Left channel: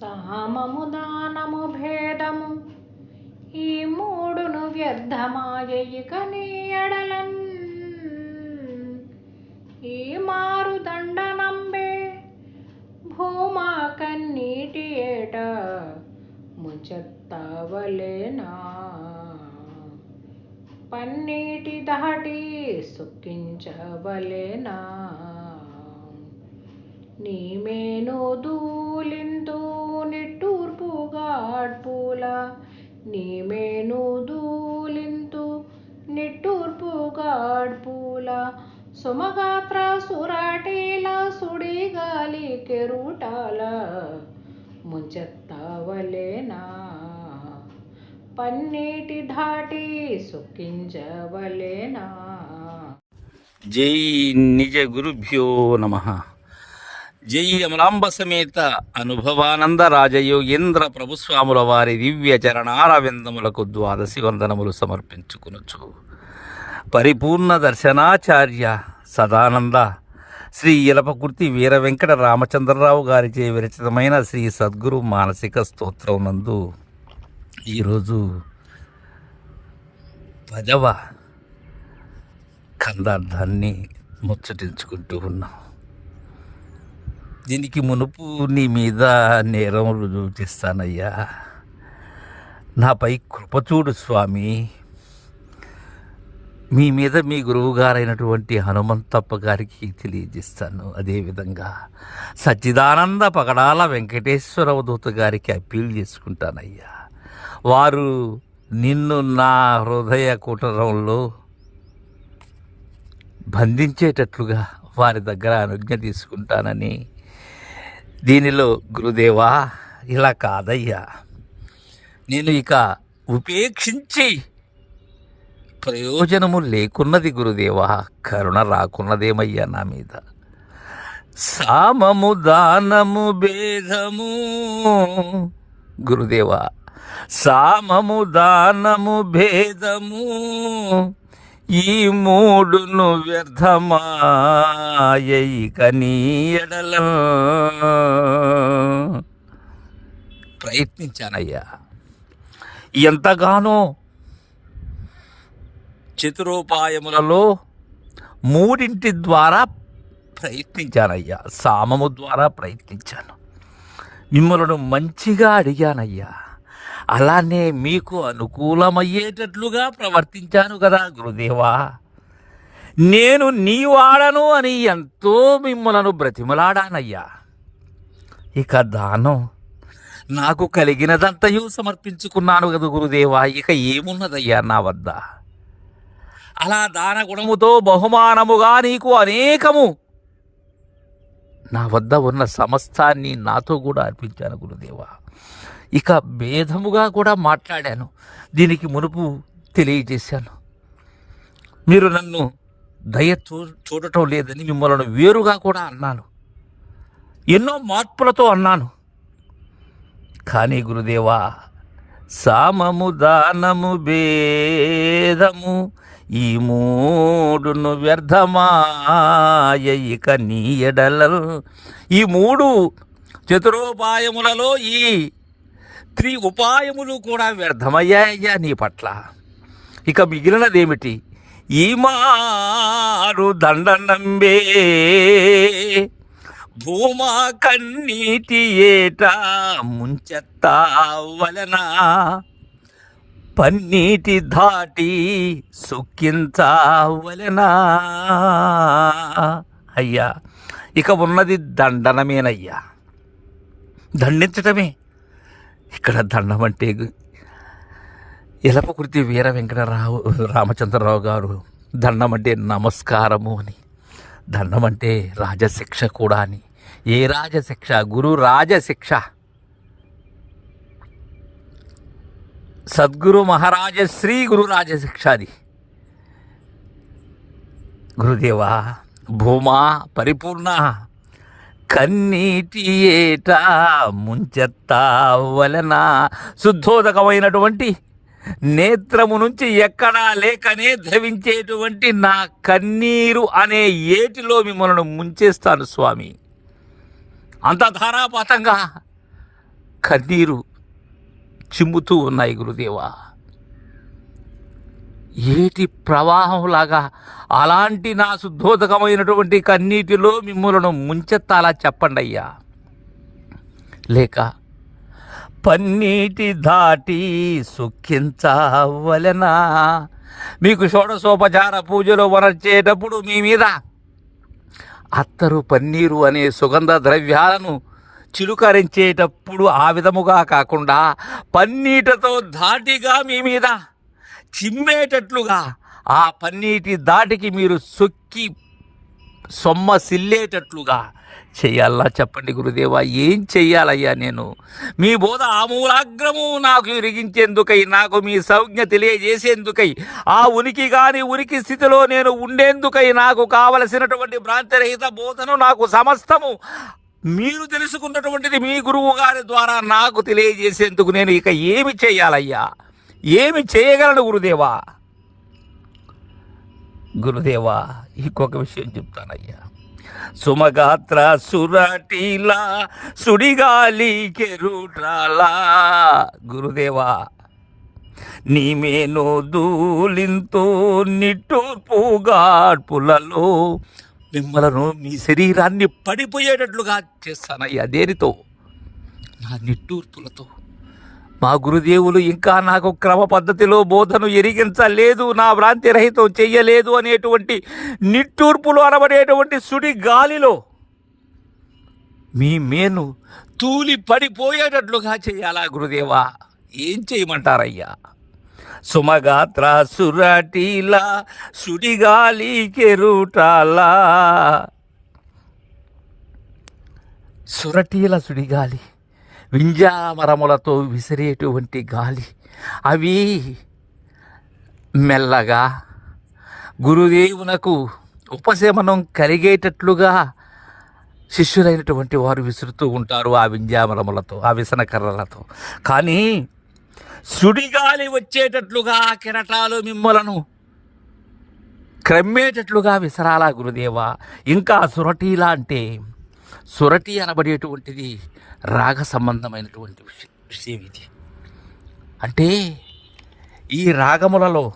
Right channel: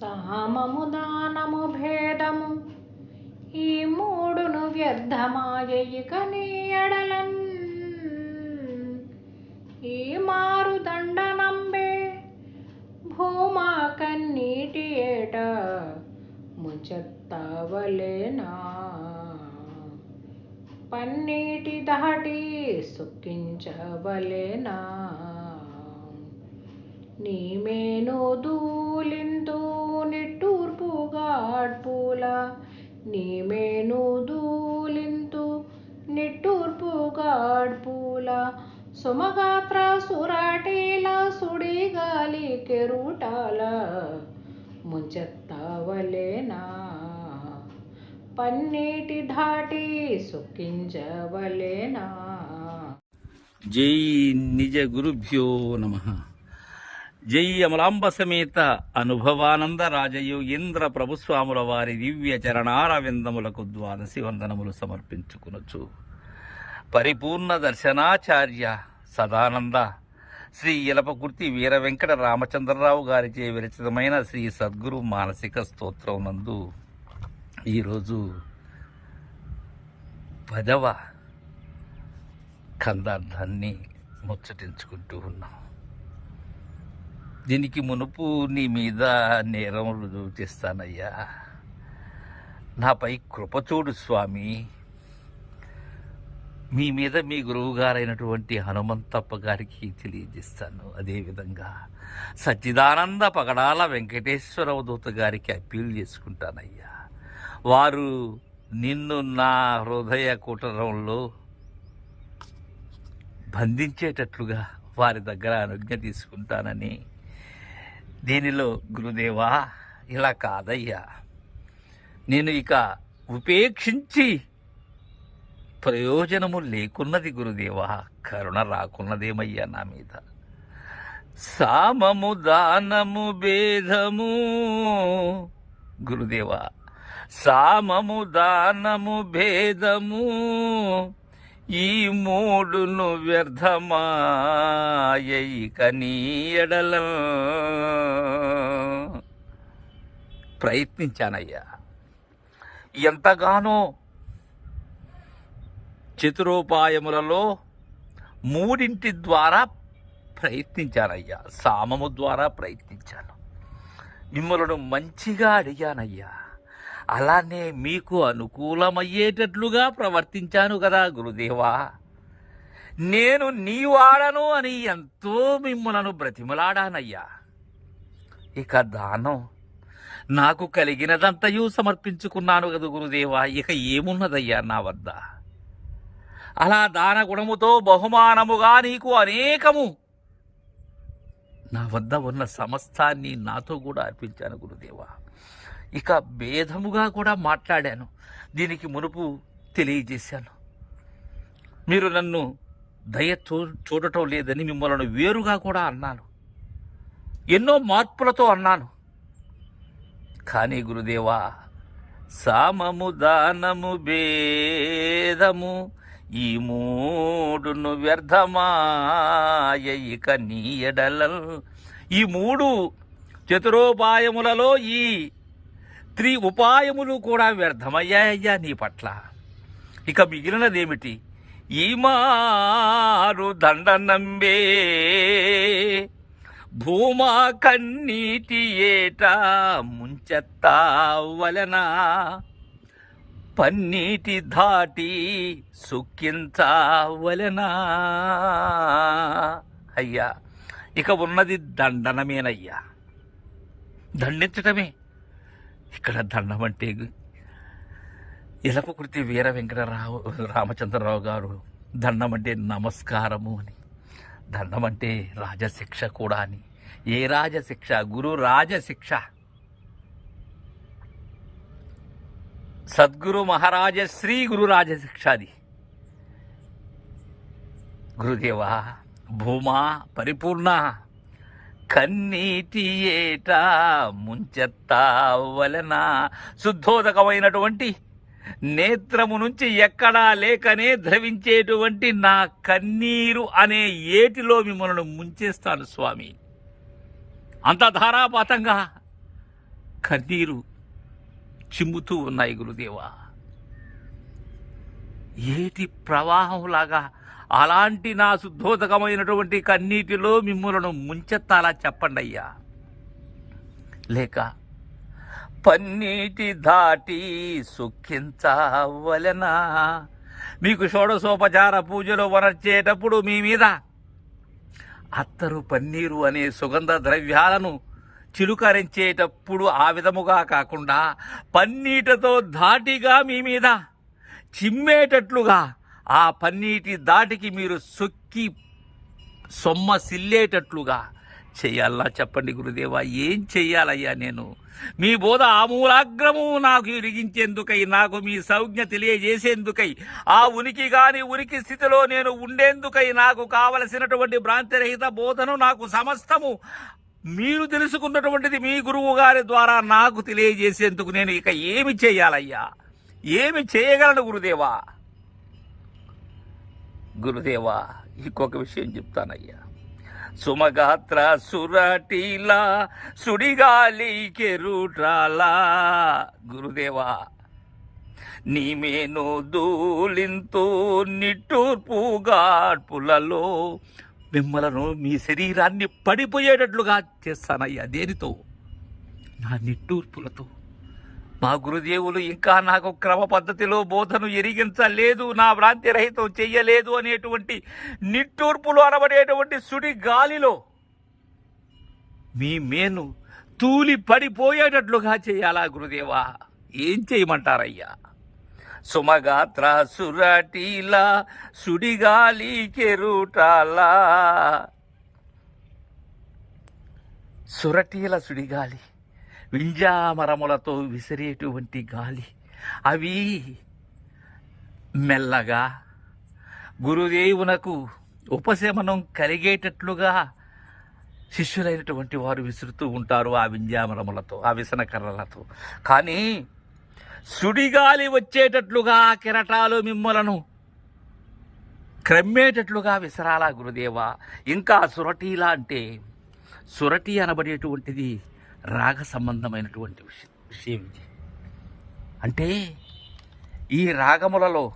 సామము దానము భేదము. ఈ మూడును వ్యర్థమాయ ఇక ఎడలన్. ఈ మారు దండనంబే భూమా కన్నీటి ఏట ముచెత్తవలేనా పన్నీటి దాటి సుఖించవలేనా. నీమేను దూలింతు నిట్టూర్పు గాడ్పూల నీమేను దూలింతు నిట్టూర్పు గాడ్పూల సుమగాత్ర సురాటీల సుడిగాలి కెరూటాల ముంచెత్తవలేనా పన్నీటి ధాటి సుఖించవలేనా జై నిజ గురుభ్యో నమ జై అమలాంబ సమేత అనుభవానంద రాజయోగేంద్ర ప్రభుస్వాముల వారి దివ్య చరణారవిందములకు ద్వాదశి వందనములు సమర్పించుకునొచ్చు. పరిపూర్ణ దర్శనాచార్య సదానంద శ్రీ ఇలపకుర్తి వీర వెంకట రామచంద్రరావు గారిచే విరచితమైన శ్రీ సద్గురు మానసిక స్తోత్రం నందు ఈరోజు పదవ కందార్థాన్ని ముచ్చటించుకుంటూ ఉన్నాం. దీనికి మునుపు నీ మీద నేరం రుజువు చేస్తానయ్యా. నాపై కృపచూడు స్వామి. మీ మీద మీ గురువు గారైనటువంటి హనుమంతప్ప గారికి తెలియజేస్తాను. అదేవిధంగా సచ్చిదానంద పగడాల వెంకటేశ్వర అవధూత గారికి అప్పీల్ చేసుకుంటానయ్యా. వారు నిన్ను నా హృదయ కుటరంలో బంధించేటట్లుగా వారి దగ్గర అనుజ్ఞ తీసుకుంటానని దీనిలో గురుదేవా ఇలా కాదయ్యా. నేను ఇక ఉపేక్షించి ప్రయోజనము లేకున్నది గురుదేవా కరుణ రాకున్నదేమయ్యా నా మీద. సామము దానము భేదము. గురుదేవా సామము దానము భేదము. ఈ మూడును వ్యర్థమాయక నీయడల ప్రయత్నించానయ్యా. ఎంతగానో చతురోపాయములలో మూడింటి ద్వారా ప్రయత్నించానయ్యా. సామము ద్వారా ప్రయత్నించాను. మిమ్మలను మంచిగా అడిగానయ్యా. అలానే మీకు అనుకూలమయ్యేటట్లుగా ప్రవర్తించాను కదా గురుదేవా. నేను నీ వాడను అని ఎంతో మిమ్మలను బ్రతిమలాడానయ్యా. ఇక దానం నాకు కలిగినదంతయు సమర్పించుకున్నాను కదా గురుదేవా. ఇక ఏమున్నదయ్యా నా వద్ద? అలా దాన గుణముతో బహుమానముగా నీకు అనేకము నా వద్ద ఉన్న సమస్తాన్ని నాతో కూడా అర్పించాను గురుదేవా. ఇక భేదముగా కూడా మాట్లాడాను. దీనికి మునుపు తెలియజేశాను. మీరు నన్ను దయ చూ చూడటం లేదని మిమ్మల్ని వేరుగా కూడా అన్నాను. ఎన్నో మార్పులతో అన్నాను. కానీ గురుదేవా సామము దానము భేదము ఈ మూడును వ్యర్థమాయ ఇక నీయడల ఈ మూడు చతురోపాయములలో ఈ త్రి ఉపాయములు కూడా వ్యర్థమయ్యాయ్యా నీ పట్ల. ఇక మిగిలినదేమిటి? ఈ మారు దండనంబే. భూమా కన్నీటి ఏట ముంచెత్తావలనా. పన్నీటి ధాటి సుఖించవలనా అయ్యా ఇక ఉన్నది దండనమేనయ్యా. దండించటమే ఇక్కడ దండం అంటే ఎలపకృతి వీర వెంకటరావు రామచంద్రరావు గారు దండం అంటే నమస్కారము అని. దండం అంటే రాజశిక్ష కూడా అని. ఏ రాజశిక్ష? గురు రాజశిక్ష. సద్గురు మహారాజ శ్రీ గురు రాజశిక్షాది గురుదేవా భూమా పరిపూర్ణ. కన్నీటి ఏట ముంచెత్తా వలన శుద్ధోదకమైనటువంటి నేత్రము నుంచి ఎక్కడా లేకనే ధవించేటువంటి నా కన్నీరు అనే ఏటిలో మిమ్మల్ని ముంచేస్తాను స్వామి. అంత ధారాపాతంగా కన్నీరు చిమ్ముతూ ఉన్నాయి గురుదేవా. ఏటి ప్రవాహంలాగా అలాంటి నా శుద్ధోదకమైనటువంటి కన్నీటిలో మిమ్మలను ముంచెత్తాలా చెప్పండి అయ్యా. లేక పన్నీటి దాటి సుఖించవలెనా? మీకు షోడశోపచార పూజలు వనర్చేటప్పుడు మీ మీద అత్తరు పన్నీరు అనే సుగంధ ద్రవ్యాలను చిలుకరించేటప్పుడు ఆ విధముగా కాకుండా పన్నీటితో ధాటిగా మీ మీద చిమ్మేటట్లుగా ఆ పన్నీటి దాటికి మీరు సొక్కి సొమ్మ సిల్లేటట్లుగా చెయ్యాలా చెప్పండి గురుదేవా? ఏం చెయ్యాలయ్యా నేను? మీ బోధ ఆమూలాగ్రము నాకు ఇరిగించేందుకై నాకు మీ సంజ్ఞ తెలియజేసేందుకై ఆ ఉనికి కాని ఉనికి స్థితిలో నేను ఉండేందుకై నాకు కావలసినటువంటి భ్రాంతిరహిత బోధను నాకు సమస్తము మీరు తెలుసుకున్నటువంటిది మీ గురువు గారి ద్వారా నాకు తెలియజేసేందుకు నేను ఇక ఏమి చేయాలయ్యా? ఏమి చేయగలను గురుదేవా? గురుదేవా ఇంకొక విషయం చెప్తానయ్యా. సుమగాత్ర సురటీలా సుడిగాలి కెరుట్రాలా. గురుదేవా నీమేను దూలింతో నిట్టూర్పుగాడ్పులలో మిమ్మలను మీ శరీరాన్ని పడిపోయేటట్లుగా చేస్తానయ్యా దేనితో? నా నిట్టూర్పులతో. మా గురుదేవులు ఇంకా నాకు క్రమ పద్ధతిలో బోధను ఎరిగించలేదు నా భ్రాంతి రహితం చెయ్యలేదు అనేటువంటి నిట్టూర్పులు అనబడేటువంటి సుడి గాలిలో మీ మేను తూలి పడిపోయేటట్లుగా చేయాలా గురుదేవా? ఏం చేయమంటారయ్యా? సుమగాత్ర సురటీలా సుడిగాలి కెరుటాలా. సురటీల సుడిగాలి వింజామరములతో విసిరేటువంటి గాలి. అవి మెల్లగా గురుదేవునకు ఉపశమనం కలిగేటట్లుగా శిష్యులైనటువంటి వారు విసురుతూ ఉంటారు ఆ వింజామరములతో ఆ విసనకర్రలతో. కానీ సుడిగాలి వచ్చేటట్లుగా కిరటాలు కెరటాలు మిమ్మలను క్రమ్మేటట్లుగా విసరాలా గురుదేవా? ఇంకా సురటీలా అంటే సురటి అనబడేటువంటిది రాగ సంబంధమైనటువంటి విషయం ఇది. అంటే ఈ రాగములలో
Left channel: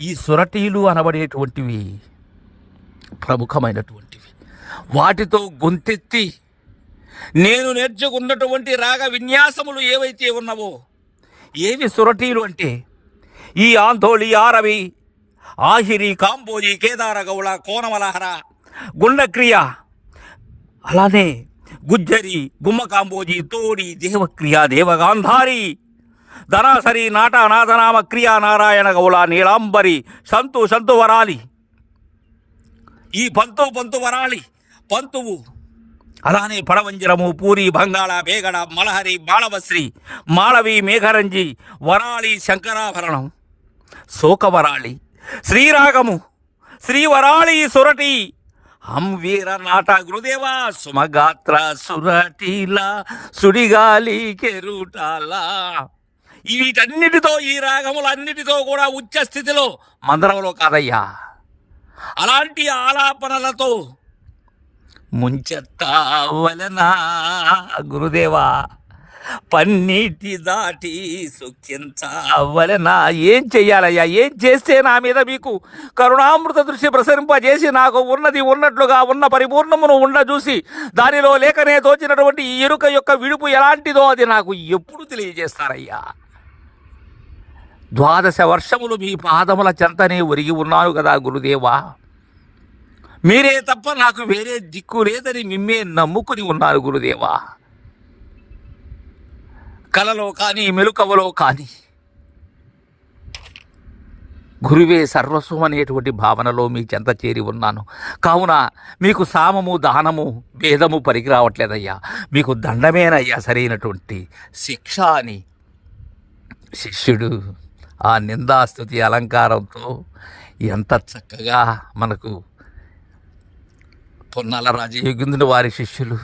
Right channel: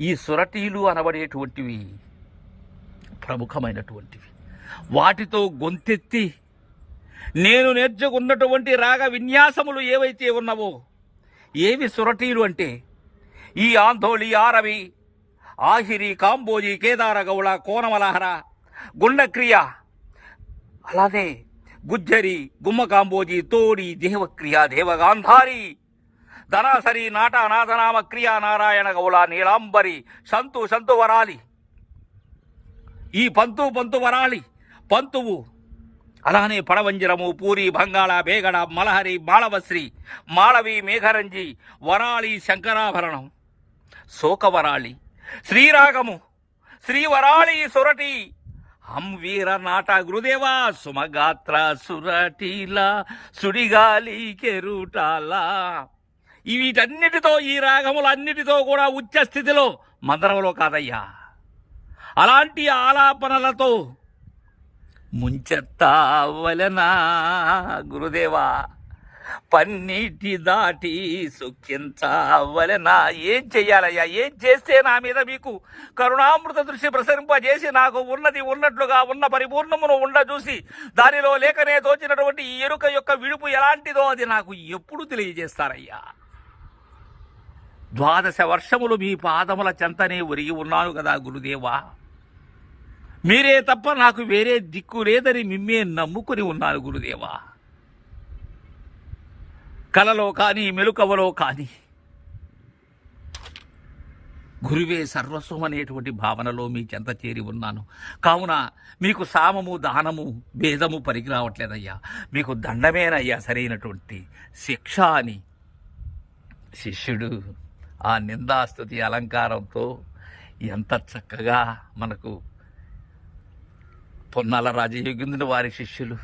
ఈ సురటీలు అనబడేటువంటివి ప్రముఖమైనటువంటివి. వాటితో గొంతెత్తి నేను నేర్చుకున్నటువంటి రాగ విన్యాసములు ఏవైతే ఉన్నవో ఏవి సురటీలు అంటే ఈ ఆంధోళి ఆరవి ఆహిరి కాంబోజి కేదార గౌళ కోనమలహర గుండక్రియ అలానే గుజ్జరి గుమ్మకాంబోజీ తోడి దేవక్రియ దేవగాంధారి. ధనాసరి నాట క్రియా నారాయణ గౌళ నీలాంబరి సంతు సంతు వరాలి. ఈ పంతు పంతు వరాలి. పంతువు. అలానే పడవంజరము పూరి బంగాళ బేగడ మలహరి మాళవశ్రీ మాళవి మేఘరంజి వరాళి శంకరాభరణం. శోకవరాళి శ్రీరాగము. శ్రీవరాళి సురటి. హం వీర నాట గురుదేవా సుమగాత్ర సురటీలా సుడిగాలి కెరుటాలా. ఈ వీటన్నిటితో ఈ రాగములన్నిటితో కూడా ఉచ్చ స్థితిలో మందరంలో కాదయ్యా. అలాంటి ఆలాపనలతో ముంచెత్తావలనా గురుదేవా. పన్నీటి దాటి సుఖించవలన? ఏం చెయ్యాలయ్యా? ఏం చేస్తే నా మీద మీకు కరుణామృత దృష్టి ప్రసరింపజేసి నాకు ఉన్నది ఉన్నట్లుగా ఉన్న పరిపూర్ణమును ఉండ చూసి దానిలో లేకనే తోచినటువంటి ఈ ఎరుక యొక్క విడుపు ఎలాంటిదో అది నాకు ఎప్పుడు తెలియజేస్తారయ్యా? ద్వాదశ వర్షములు మీ పాదముల చెంతనే ఒరిగి ఉన్నాను కదా గురుదేవా. మీరే తప్ప నాకు వేరే దిక్కు లేదని మిమ్మే నమ్ముకుని ఉన్నారు గురుదేవా. కలలో కానీ మెలుకవలో కానీ. గురువే సర్వస్వం అనేటువంటి భావనలో మీ చెంత చేరి ఉన్నాను. కావున మీకు సామము దానము భేదము పరికి రావట్లేదయ్యా మీకు దండమేనయ్యా సరైనటువంటి శిక్ష అని. శిష్యుడు ఆ నిందాస్తుతి అలంకారంతో ఎంత చక్కగా మనకు పొన్నాల రాజయోగిందుని వారి శిష్యులు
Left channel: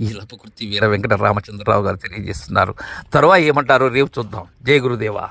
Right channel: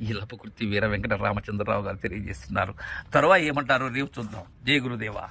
ఈ లపకృతి వీర వెంకట రామచంద్రరావు గారు తెలియజేస్తున్నారు. తర్వాత ఏమంటారో రేపు చూద్దాం. జయ గురుదేవా.